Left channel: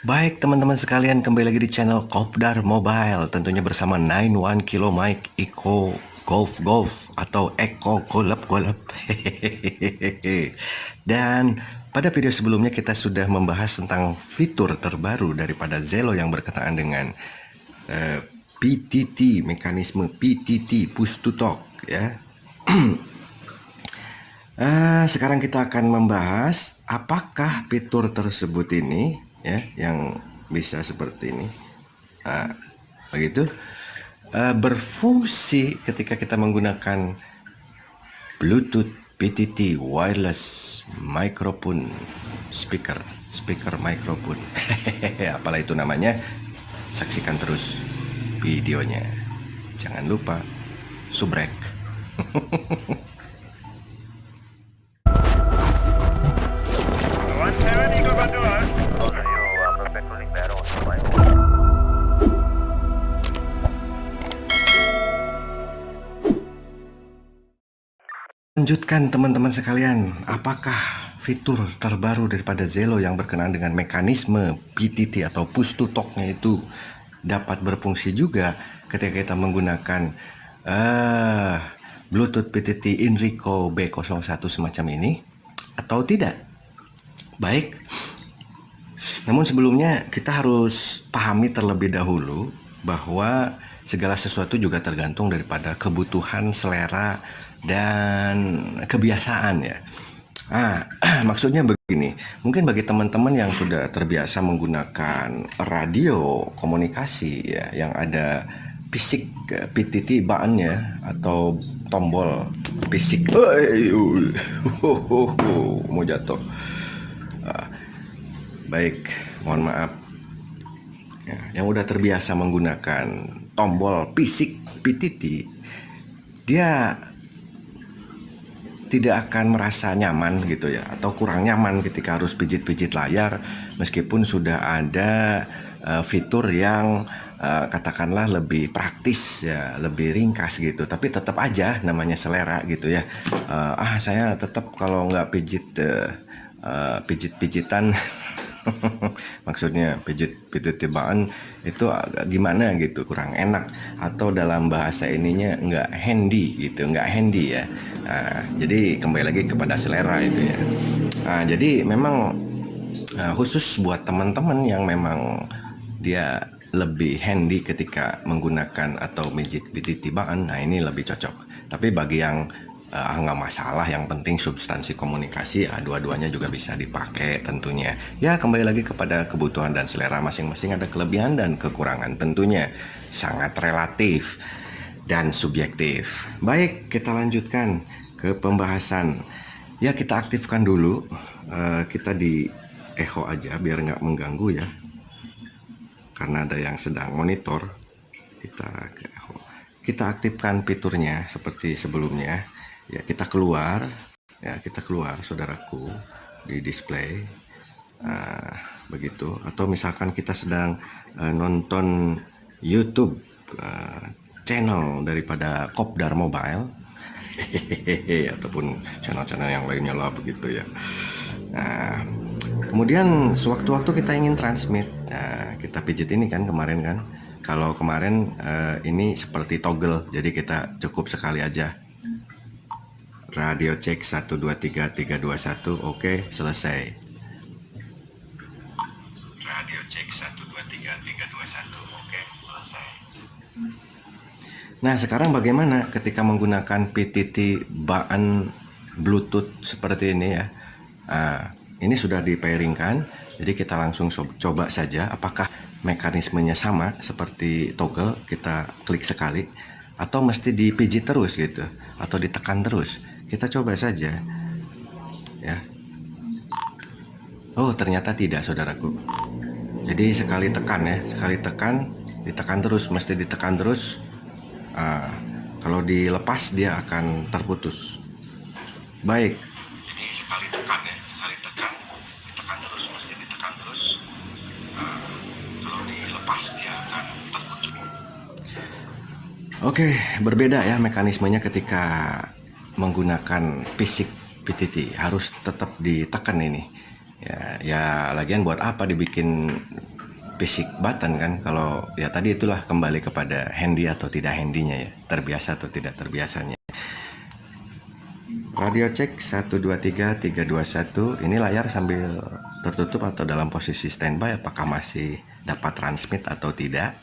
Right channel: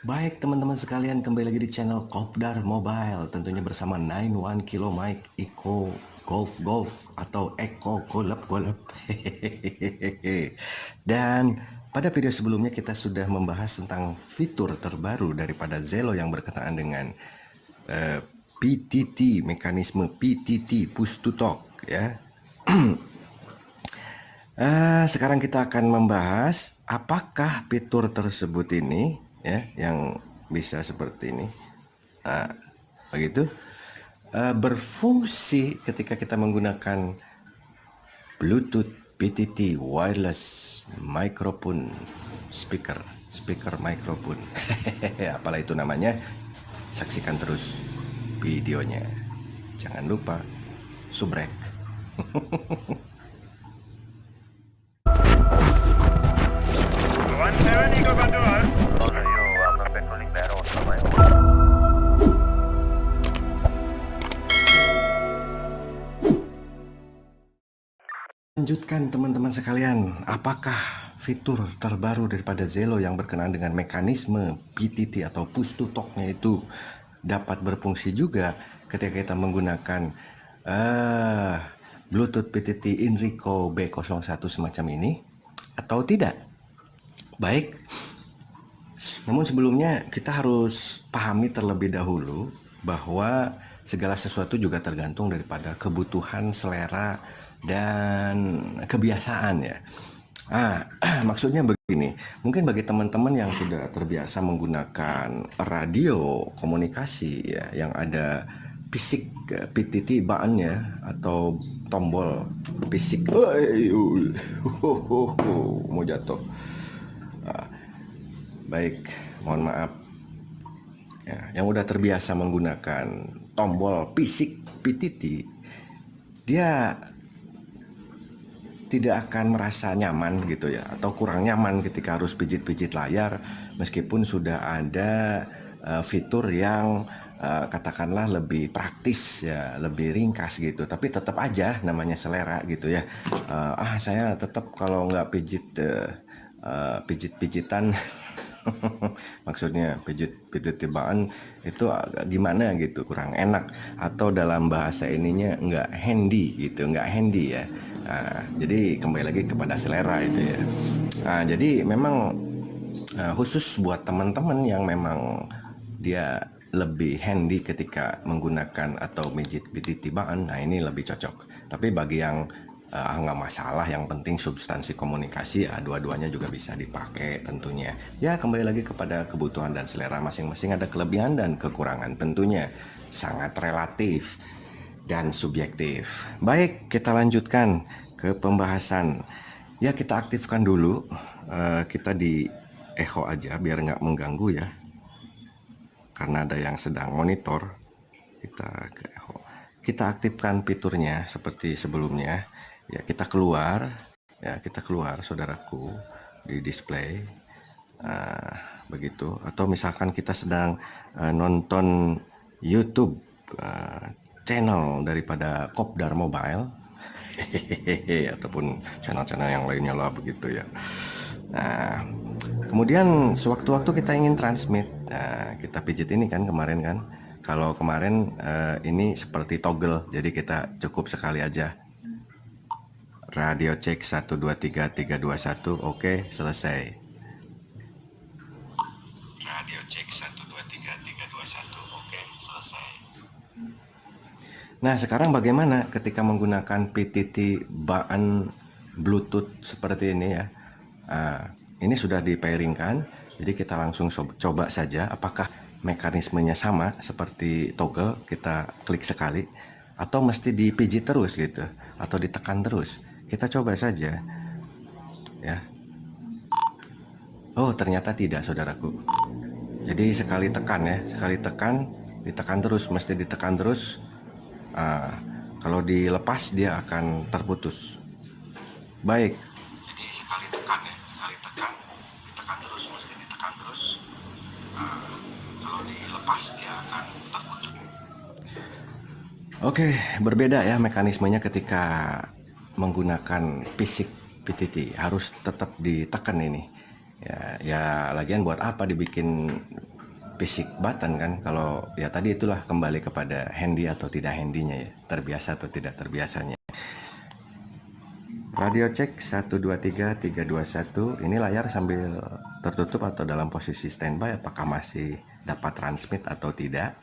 Baik teman-teman sekalian, kembali lagi di channel Kopdar Mobile, tentunya bersama 91 Kilo Mike Eco Golf atau Eco Golep. Dan pada video sebelumnya kita sudah membahas tentang fitur terbaru daripada Zelo yang berkenaan dengan PTT, mekanisme PTT, push to talk ya. Sekarang kita akan membahas apakah fitur tersebut ini ya yang bisa seperti ini, begitu, berfungsi ketika kita menggunakan Bluetooth PTT wireless microphone speaker microphone. Apalah itu namanya, saksikan terus videonya. Jangan lupa subrek. 170 go control. Roger, you patrolling Barrow on my own. Lanjutkan teman-teman sekalian, apakah fitur terbaru daripada Zelo yang berkenaan dengan mekanisme PTT atau push to talk-nya itu dapat berfungsi juga ketika kita menggunakan Bluetooth PTT Inrico B01 semacam ini atau tidak? Baik, namun sebelumnya kita harus pahami terlebih dahulu bahwa segala sesuatu juga tergantung daripada kebutuhan, selera, dan kebiasaan ya. Maksudnya begini, mungkin bagi teman-teman yang sudah terbiasa menggunakan radio komunikasi ya, yang ada fisik PTT baannya atau tombol fisik, mau jatuh. Baik, mohon maaf. Ya, yang udah terbiasa menggunakan tombol fisik PTT, dia tidak akan merasa nyaman gitu ya, atau kurang nyaman ketika harus pijit-pijit layar meskipun sudah ada fitur yang katakanlah lebih praktis ya, lebih ringkas gitu, tapi tetap aja namanya selera gitu ya. Saya tetap kalau nggak pijit-pijitan maksudnya pijit tibaan itu agak gimana gitu, kurang enak, atau dalam bahasa ininya nggak handy gitu, nggak handy ya. Jadi kembali lagi kepada selera itu ya. Jadi memang khusus buat teman-teman yang memang dia lebih handy ketika menggunakan atau pijit tibaan, nah ini lebih cocok. Tapi bagi yang nggak masalah, yang penting substansi komunikasi, dua-duanya juga bisa dipakai tentunya. Ya kembali lagi kepada kebutuhan dan selera masing-masing, ada kelebihan dan kekurangan tentunya, sangat relatif dan subjektif. Baik, kita lanjutkan ke pembahasan. Ya kita aktifkan dulu, kita di echo aja biar nggak mengganggu ya, karena ada yang sedang monitor. Kita ke echo, kita aktifkan fiturnya seperti sebelumnya. Ya kita keluar saudaraku, di display begitu. Atau misalkan kita sedang nonton YouTube channel daripada Kopdar Mobile ataupun channel-channel yang lainnya lah begitu ya. Kemudian sewaktu-waktu kita ingin transmit, kita pijit ini kan kemarin kan. Kalau kemarin ini seperti toggle, jadi kita cukup sekali aja. Radio cek 123321, oke, selesai. Radio cek 123321, oke, selesai. Nah sekarang bagaimana ketika menggunakan PTT baan Bluetooth seperti ini ya. Ini sudah di-pairingkan, jadi kita langsung coba saja apakah mekanismenya sama seperti toggle, kita klik sekali, atau mesti dipijit terus gitu, atau ditekan terus. Kita coba saja ya. Oh ternyata tidak saudaraku. Jadi sekali tekan ya, sekali tekan, ditekan terus, mesti ditekan terus. Kalau dilepas dia akan terputus. Baik. Jadi sekali tekan ya, sekali tekan, ditekan terus, mesti ditekan terus. Kalau dilepas dia akan terputus. Oke, berbeda ya mekanismenya ketika menggunakan fisik PTT, harus tetap ditekan ini. Ya lagian buat apa dibikin basic button kan. Kalau ya tadi itulah kembali kepada handy atau tidak handynya ya, terbiasa atau tidak terbiasanya. Radio cek 123 321. Ini layar sambil tertutup atau dalam posisi standby, apakah masih dapat transmit atau tidak?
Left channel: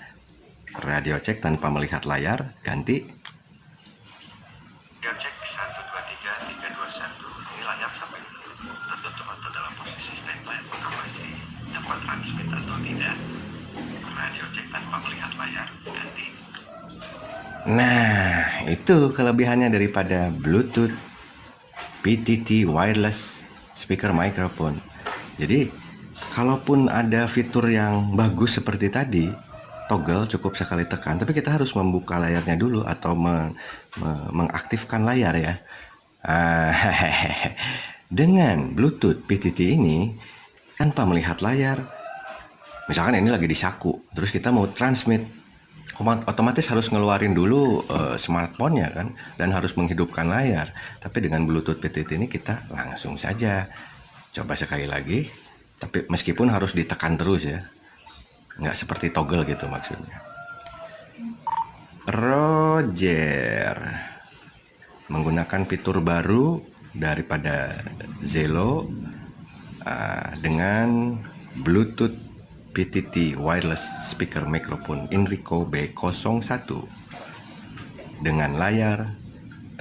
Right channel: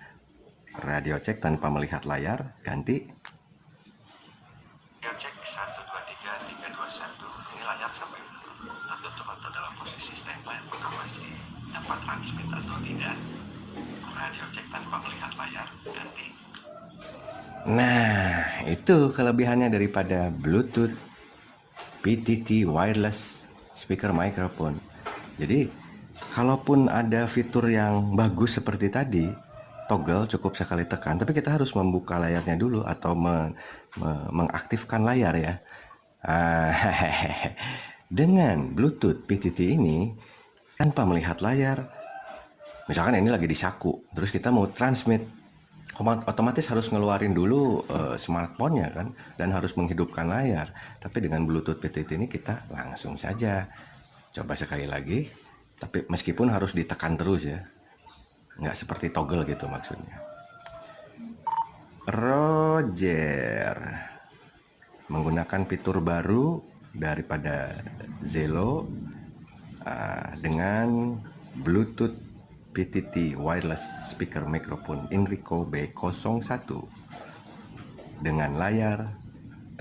Radio cek tanpa melihat layar, ganti. Radio cek 123 321. Ini layar sambil tertutup atau dalam posisi standby, apakah masih dapat transmit atau tidak? Radio cek tanpa melihat layar, ganti. Nah, itu kelebihannya daripada Bluetooth PTT wireless speaker microphone. Jadi, kalaupun ada fitur yang bagus seperti tadi, toggle cukup sekali tekan, tapi kita harus membuka layarnya dulu atau mengaktifkan layar ya. Dengan Bluetooth PTT ini, tanpa melihat layar, misalkan ini lagi di saku, terus kita mau transmit, otomatis harus ngeluarin dulu smartphone-nya kan, dan harus menghidupkan layar. Tapi dengan Bluetooth PTT ini kita langsung saja. Coba sekali lagi, tapi meskipun harus ditekan terus ya, nggak seperti toggle gitu maksudnya. Roger menggunakan fitur baru daripada Zelo dengan Bluetooth PTT wireless speaker microphone Inrico B01 dengan layar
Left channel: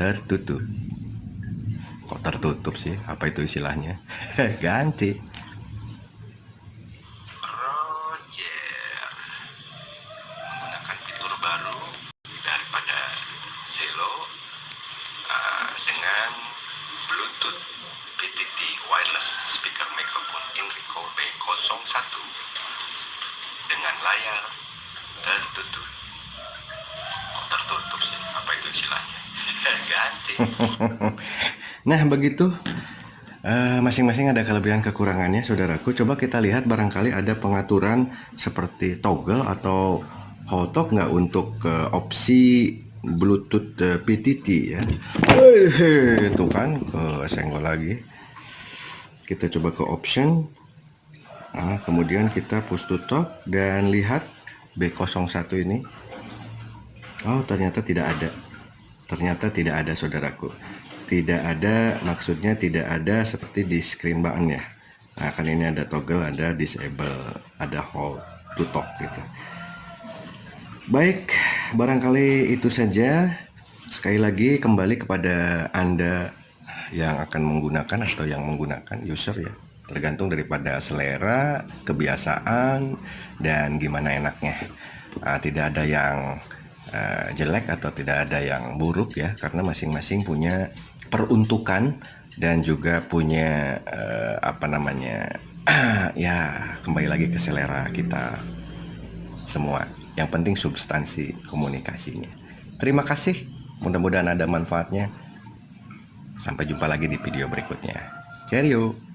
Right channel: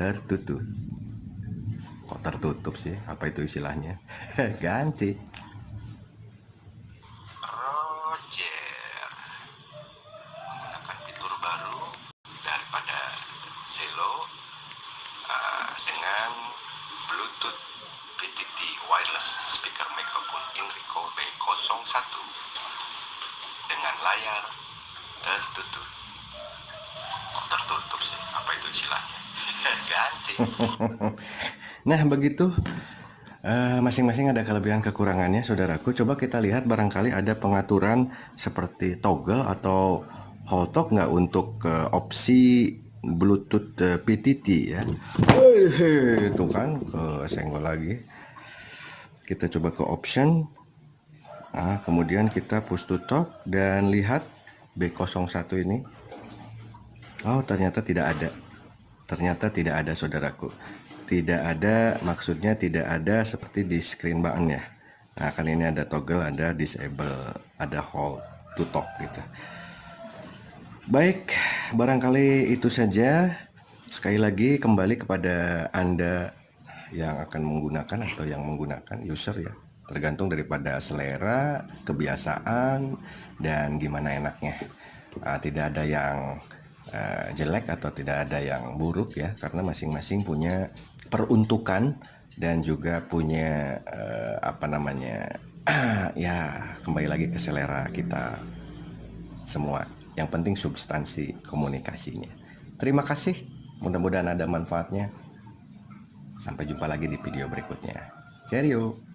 tertutup. Kok tertutup sih? Apa itu istilahnya? Ganti. Roger menggunakan fitur baru daripada Zelo dengan Bluetooth PTT wireless speaker microphone Inrico B01 dengan layar tertutup. Kok tertutup sih? Apa itu istilahnya? Ganti. Nah begitu, masing-masing ada kelebihan kekurangannya saudaraku. Coba kita lihat barangkali ada pengaturan seperti toggle atau hotlock nggak untuk opsi Bluetooth PTT ya. Itu kan kesenggol lagi. Kita coba ke option. Kemudian kita push to talk dan lihat B01 ini. Oh, ternyata tidak ada. Ternyata tidak ada saudaraku. Tidak ada, maksudnya tidak ada seperti di screen button ya. Nah, kan ini ada toggle, ada disable, ada hold to talk gitu. Baik, barangkali itu saja. Sekali lagi kembali kepada Anda yang akan menggunakan atau yang menggunakan user ya. Tergantung daripada selera, kebiasaan, dan gimana enaknya. Tidak ada yang jelek atau tidak ada yang buruk ya, karena masing-masing punya peruntukan dan juga punya ya kembali lagi ke selera kita semua. Yang penting substansi komunikasinya. Terima kasih, mudah-mudahan ada manfaatnya. Sampai jumpa lagi di video berikutnya. Cheerio.